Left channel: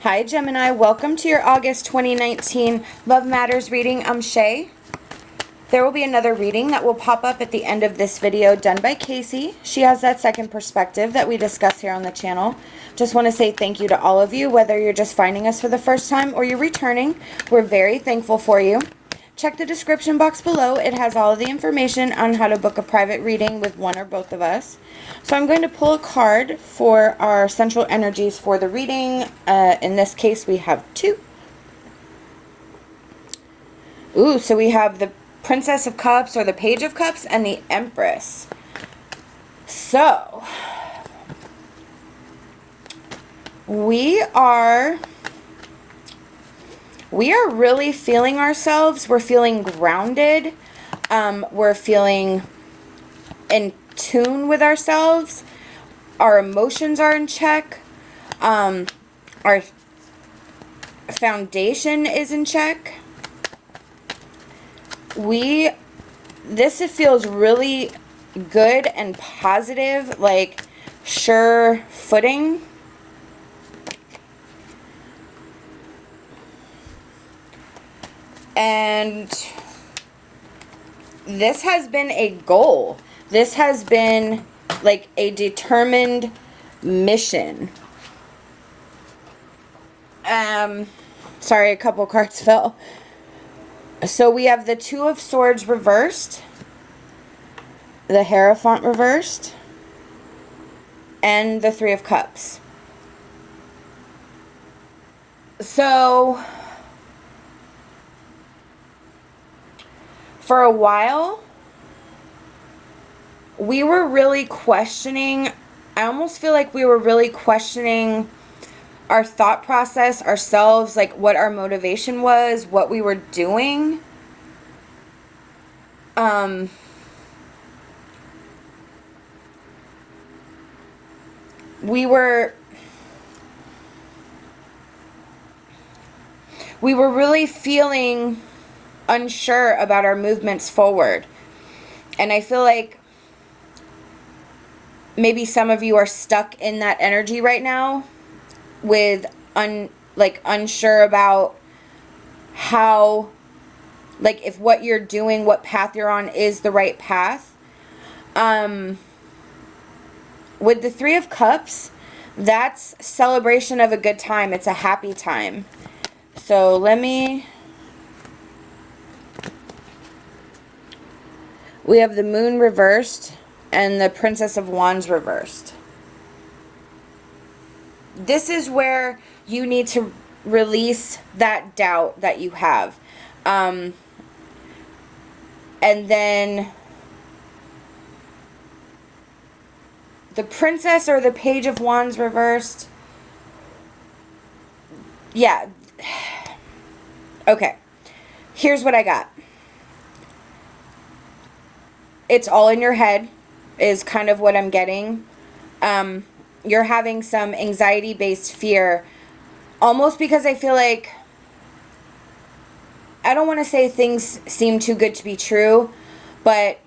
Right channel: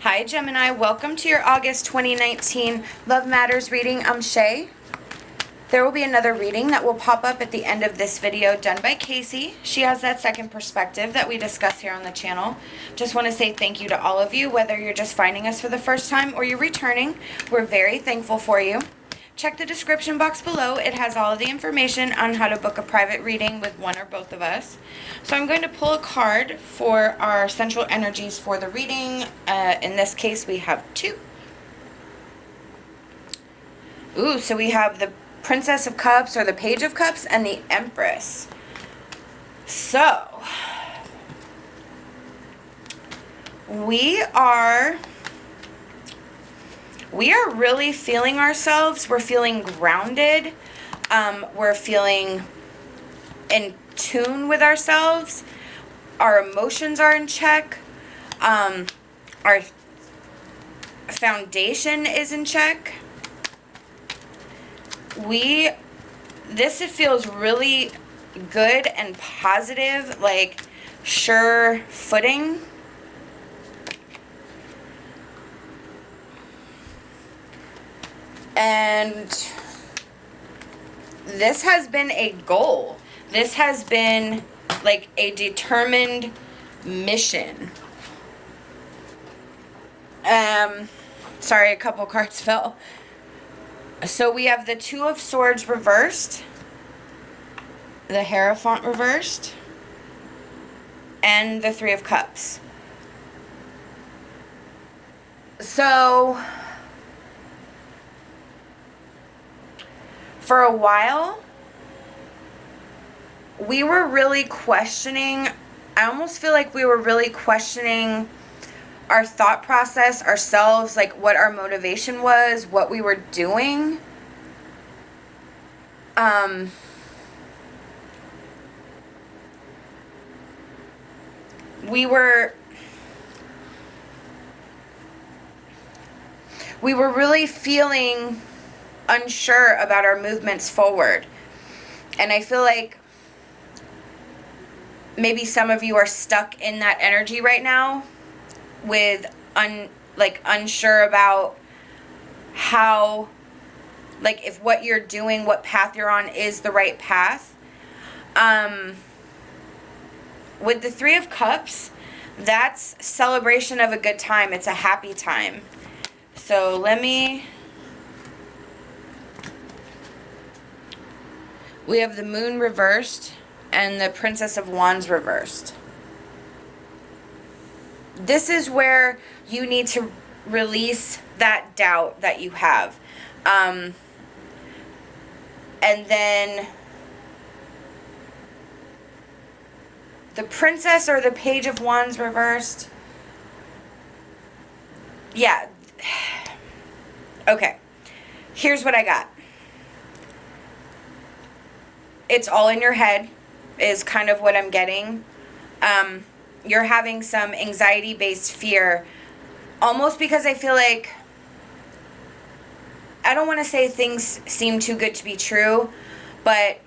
Hi Gemini, welcome to your August 2019 Love Matters reading. I'm SHAE. There will be another reading that will pop up at the end of this video done by KACEE. She has that second perspective that we discuss here on the channel. Just want to say thank you to all of you, whether you're just finding us for the first time or you're returning. We're very thankful for you. Check the description box below. It has all of the information on how to book a private reading with one or both of us. So I'm going to pull a card for our central energies for the reading. In this case, we have two. Ooh, so we have the Princess of Cups or the Page of Cups and the Empress. So, we are really feeling ourselves. We're feeling grounded. We're feeling in tune with ourselves. Our emotions are in check. Our foundation is in check. This feels really good and positive, like sure footing. And this has been a goal. This has been like a determined mission. Sorry, a couple cards fell. So we have the Two of Swords reversed, the Hierophant reversed, and the Three of Cups. So for a while, we were really questioning, I almost feel like we were really questioning our thought process, ourselves, like what our motivation was, what we were doing. We were really feeling unsure about our movements forward. And I feel like maybe some of you are stuck in that energy right now with unsure about how, like, if what you're doing, what path you're on is the right path. With the Three of Cups, that's celebration of a good time. It's a happy time. So we have the Moon reversed and the Princess of Wands reversed. This is where you need to release that doubt that you have. And then the Princess or the Page of Wands reversed. Yeah. Okay. Here's what I got. It's all in your head is kind of what I'm getting. You're having some anxiety-based fear, almost because I feel like, I don't want to say things seem too good to be true, but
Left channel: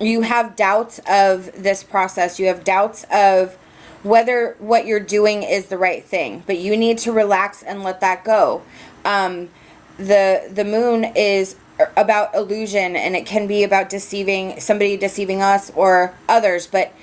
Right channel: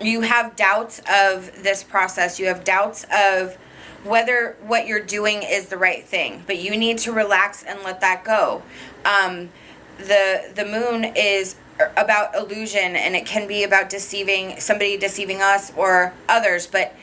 you have doubts of this process. You have doubts of whether what you're doing is the right thing, but you need to relax and let that go. The moon is about illusion, and it can be about somebody deceiving us or others, but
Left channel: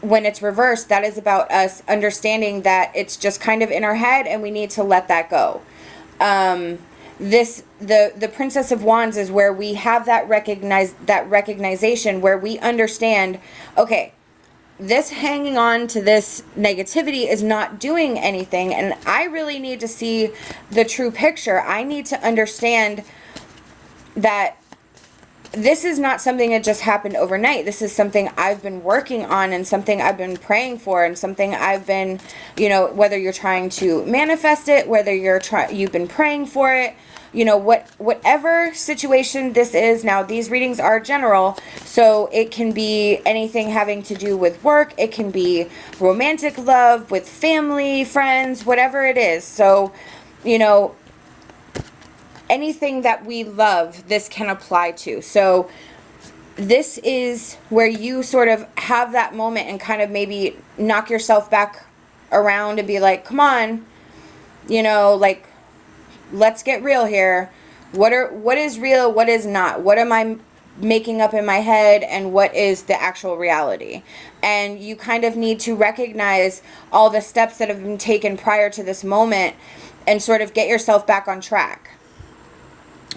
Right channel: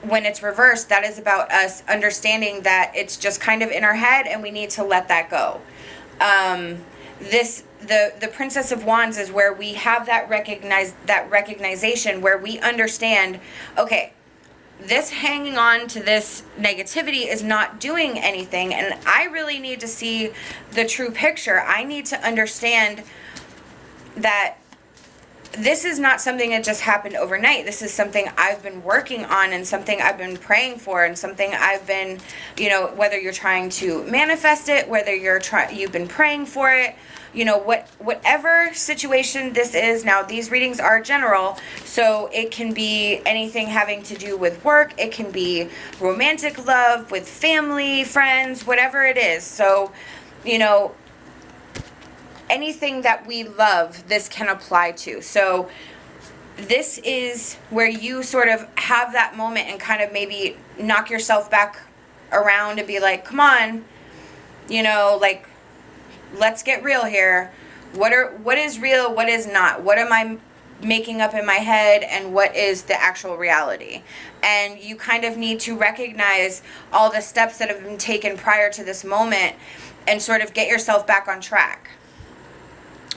when it's reversed, that is about us understanding that it's just kind of in our head and we need to let that go. The Princess of Wands is where we have that recognition where we understand, okay, this hanging on to this negativity is not doing anything, and I really need to see the true picture. I need to understand that this is not something that just happened overnight. This is something I've been working on and something I've been praying for and something I've been, whether you're trying to manifest it, whether you've been praying for it, whatever situation this is. Now, these readings are general, so it can be anything having to do with work. It can be romantic love, with family, friends, whatever it is. So, anything that we love, this can apply to. So this is where you sort of have that moment and kind of maybe knock yourself back around and be like, come on, you know, like, let's get real here. What is real, what is not? What am I making up in my head, and what is the actual reality? And you kind of need to recognize all the steps that have been taken prior to this moment and sort of get yourself back on track.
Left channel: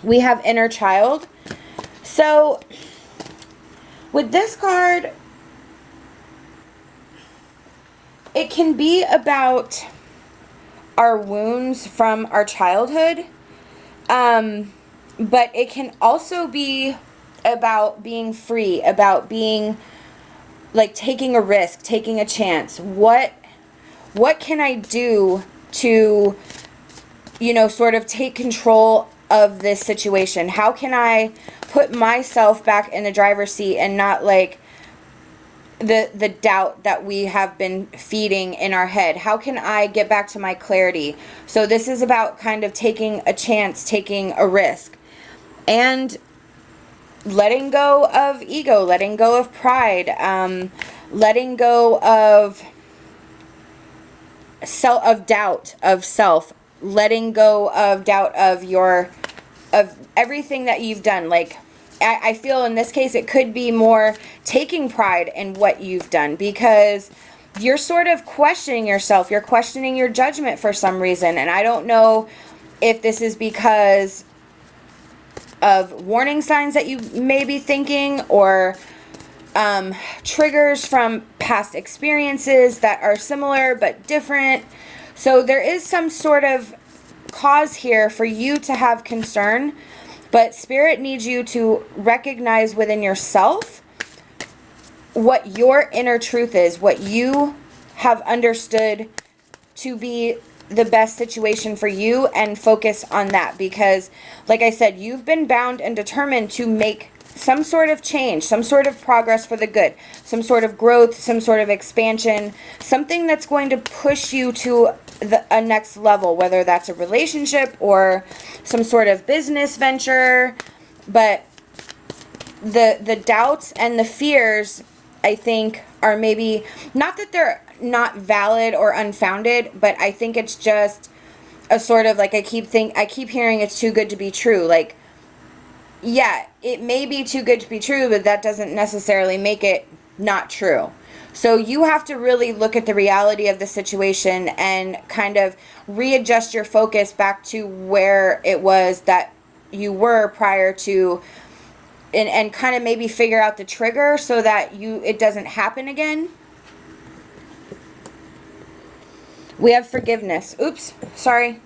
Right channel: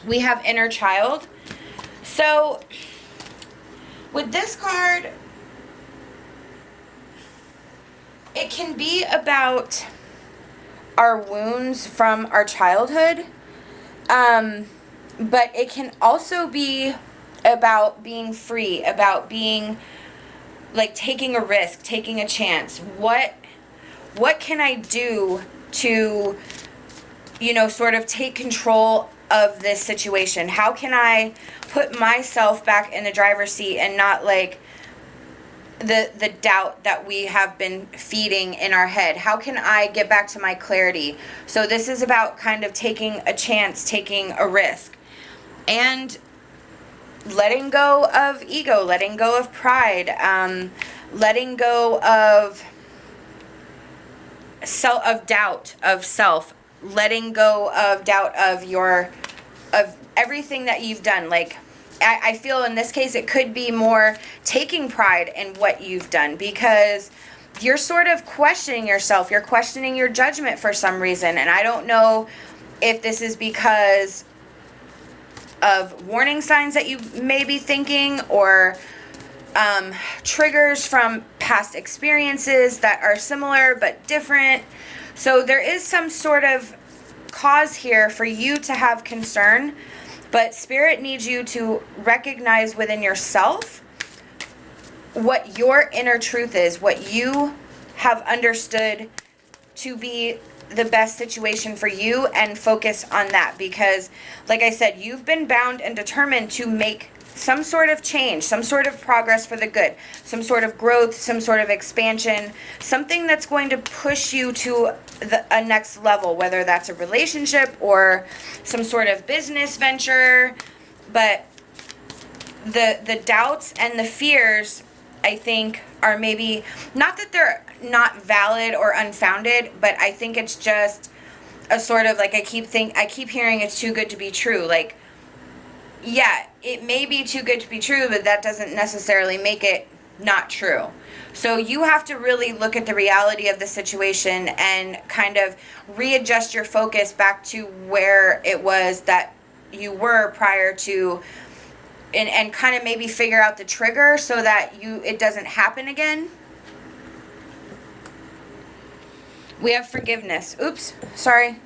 We have inner child. So with this card, it can be about our wounds from our childhood, but it can also be about being free, about being like taking a risk, taking a chance. What can I do to, you know, sort of take control of this situation? How can I put myself back in the driver's seat and not like the doubt that we have been feeding in our head? How can I get back to my clarity? So this is about kind of taking a chance, taking a risk, and letting go of ego, letting go of pride, letting go of doubt of self, letting go of doubt of everything that you've done. Like, I feel in this case it could be more taking pride in what you've done, because you're sort of questioning yourself. You're questioning your judgment for some reason. And I don't know if this is because of warning signs that you may be thinking, or triggers from past experiences that are similar but different. So there is some sort of cause here for you to have concern, but Spirit needs you to recognize within yourself what your inner truth is, what you have understood to be the best situation for you, and focus on that. Because, like I said, you've been bound and determined to make some sort of change, some sort of progress for the good, some sort of growth, some sort of expansion, something that's going to push you to a next level, whether that's a relationship or some sort of business venture. But the doubts and the fears, I think, are maybe not that they're not valid or unfounded, but I think it's just a sort of like, I keep hearing it's too good to be true. Like, yeah, it may be too good to be true, but that doesn't necessarily make it not true. So you have to really look at the reality of the situation and kind of readjust your focus back to where it was that you were prior to, and kind of maybe figure out the trigger so that it doesn't happen again. We have forgiveness. Oops, sorry.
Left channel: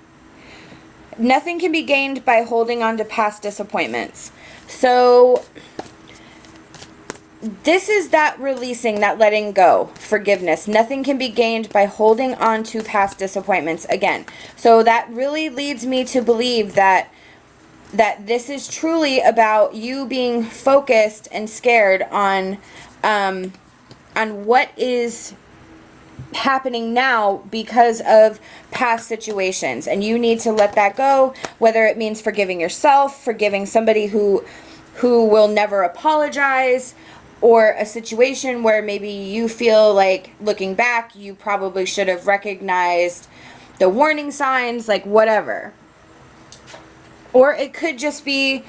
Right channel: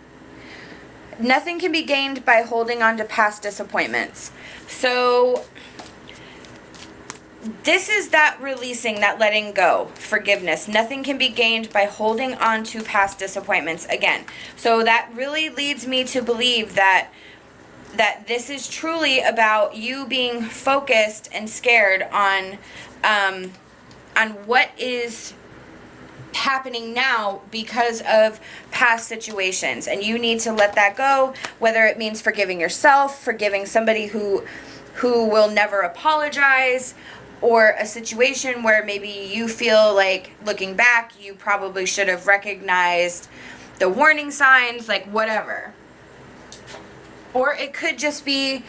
Nothing can be gained by holding on to past disappointments. So this is that releasing, that letting go, forgiveness. Nothing can be gained by holding on to past disappointments again. So that really leads me to believe that this is truly about you being focused and scared on what is happening now because of past situations, and you need to let that go, whether it means forgiving yourself, forgiving somebody who will never apologize, or a situation where maybe you feel like, looking back, you probably should have recognized the warning signs, like whatever. Or it could just be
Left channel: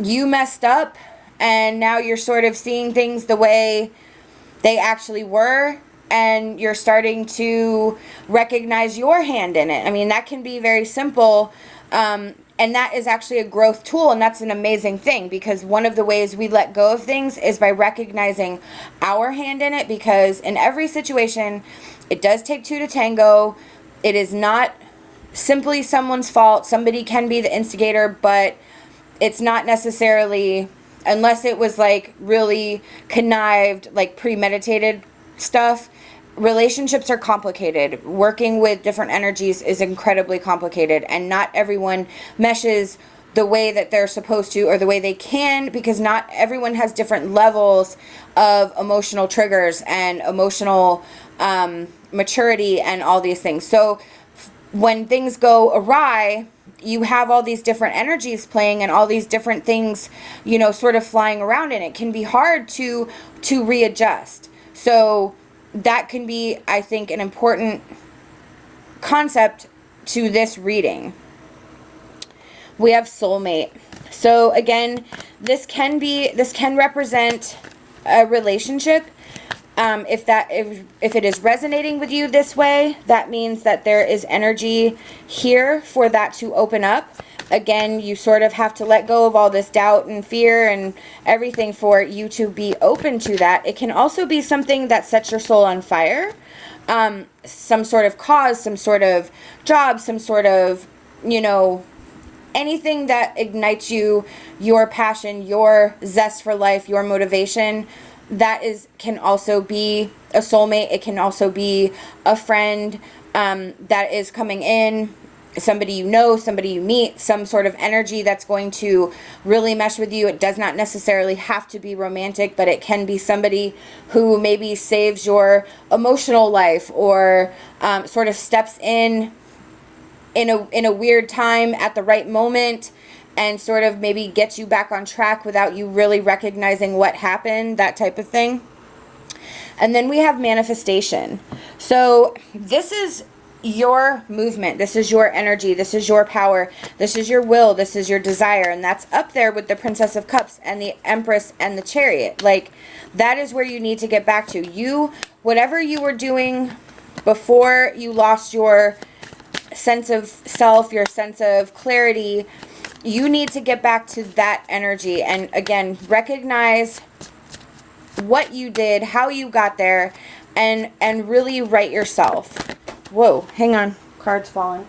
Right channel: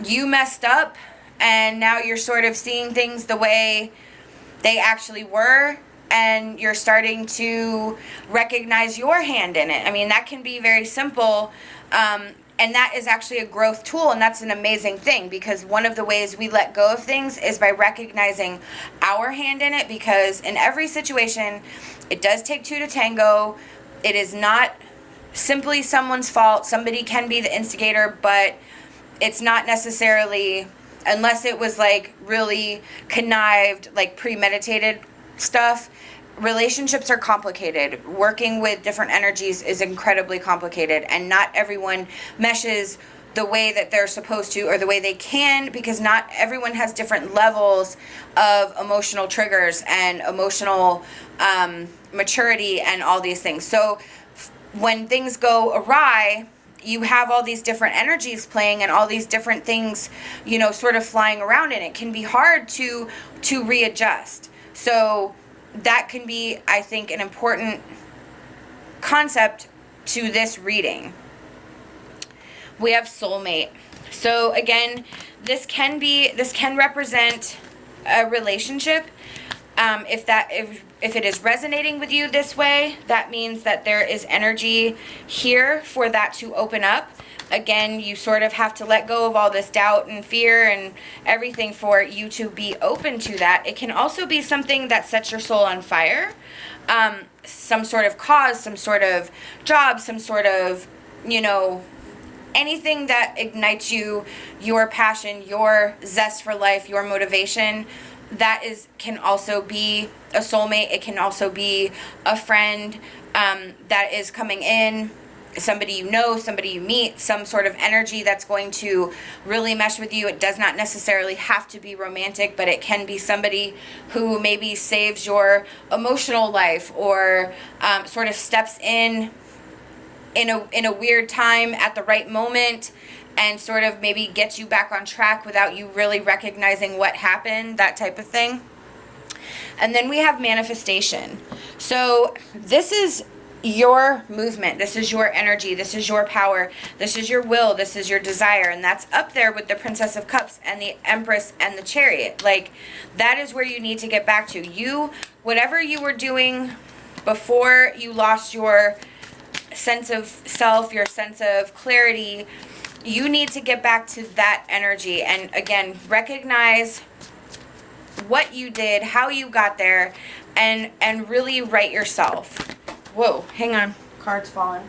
you messed up and now you're sort of seeing things the way they actually were, and you're starting to recognize your hand in it. I mean, that can be very simple, and that is actually a growth tool, and that's an amazing thing, because one of the ways we let go of things is by recognizing our hand in it, because in every situation, it does take two to tango. It is not simply someone's fault. Somebody can be the instigator, but it's not necessarily, unless it was like really connived, like premeditated stuff. Relationships are complicated. Working with different energies is incredibly complicated, and not everyone meshes the way that they're supposed to or the way they can, because not everyone has different levels of emotional triggers and emotional maturity and all these things. So when things go awry, you have all these different energies playing and all these different things, sort of flying around, and it can be hard to readjust. So that can be, I think, an important concept to this reading. We have soulmate. So again, this can represent a relationship. If it is resonating with you this way, that means that there is energy here for that to open up. Again, you sort of have to let go of all this doubt and fear and everything for you to be open to that. It can also be something that sets your soul on fire. Some sort of cause, some sort of job, some sort of, you know, anything that ignites you, your passion, your zest for life, your motivation. That can also be a soulmate. It can also be a friend that is coming in, somebody you know, somebody you meet, some sort of energy that's going to really mesh with you. It does not necessarily have to be romantic, but it can be somebody who maybe saves your emotional life, or sort of steps in a weird time at the right moment, and sort of maybe gets you back on track without you really recognizing what happened, that type of thing. And then we have manifestation. So this is your movement, this is your energy, this is your power, this is your will, this is your desire, and that's up there with the Princess of Cups and the Empress and the Chariot. Like, that is where you need to get back to. You, whatever you were doing before you lost your sense of self, your sense of clarity, you need to get back to that energy. And again, recognize what you did, how you got there, and really right yourself. Whoa, hang on, card's falling.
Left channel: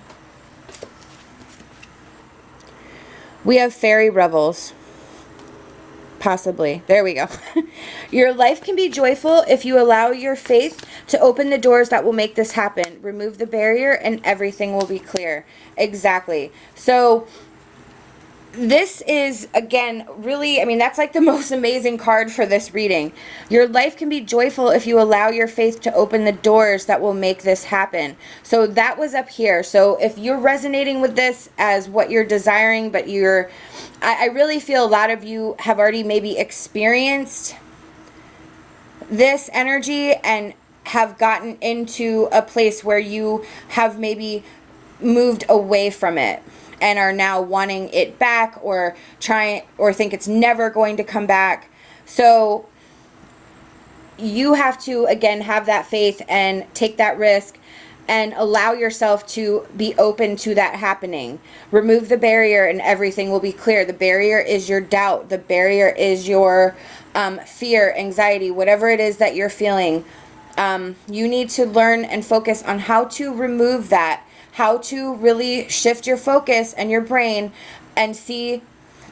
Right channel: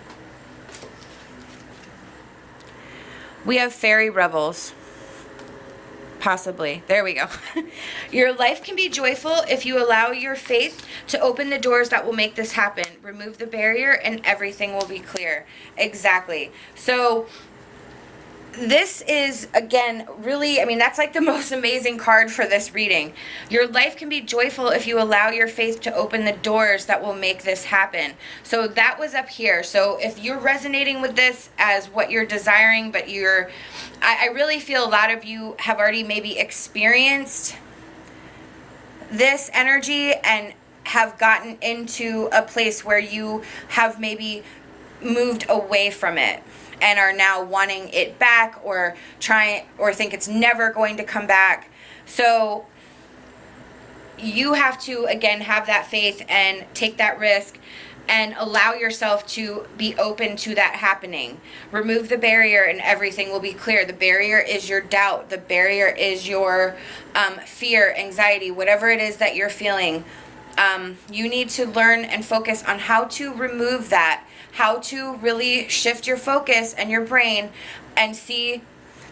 We have fairy revels. Possibly. There we go. Your life can be joyful if you allow your faith to open the doors that will make this happen. Remove the barrier and everything will be clear. Exactly. So this is, again, really, I mean, that's like the most amazing card for this reading. Your life can be joyful if you allow your faith to open the doors that will make this happen. So that was up here. So if you're resonating with this as what you're desiring, but I really feel a lot of you have already maybe experienced this energy and have gotten into a place where you have maybe moved away from it and are now wanting it back, or think it's never going to come back. So you have to, again, have that faith and take that risk and allow yourself to be open to that happening. Remove the barrier and everything will be clear. The barrier is your doubt. The barrier is your fear, anxiety, whatever it is that you're feeling. You need to learn and focus on how to remove that, how to really shift your focus and your brain and see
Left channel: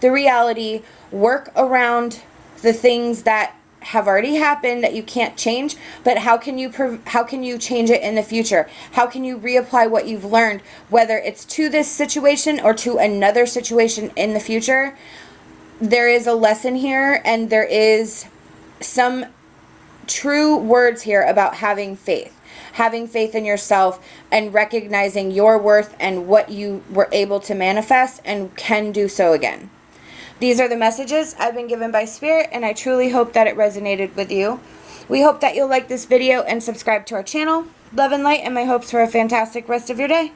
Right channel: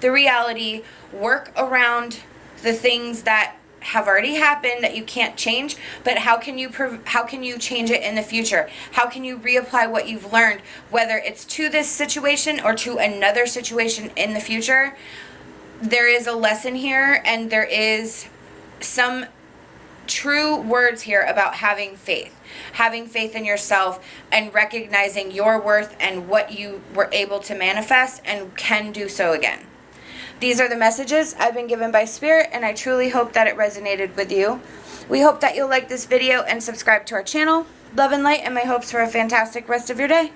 the reality, work around the things that have already happened that you can't change, but how can you change it in the future? How can you reapply what you've learned, whether it's to this situation or to another situation in the future? There is a lesson here, and there is some true words here about having faith in yourself and recognizing your worth and what you were able to manifest and can do so again. These are the messages I've been given by Spirit, and I truly hope that it resonated with you. We hope that you'll like this video and subscribe to our channel. Love and light, and my hopes for a fantastic rest of your day.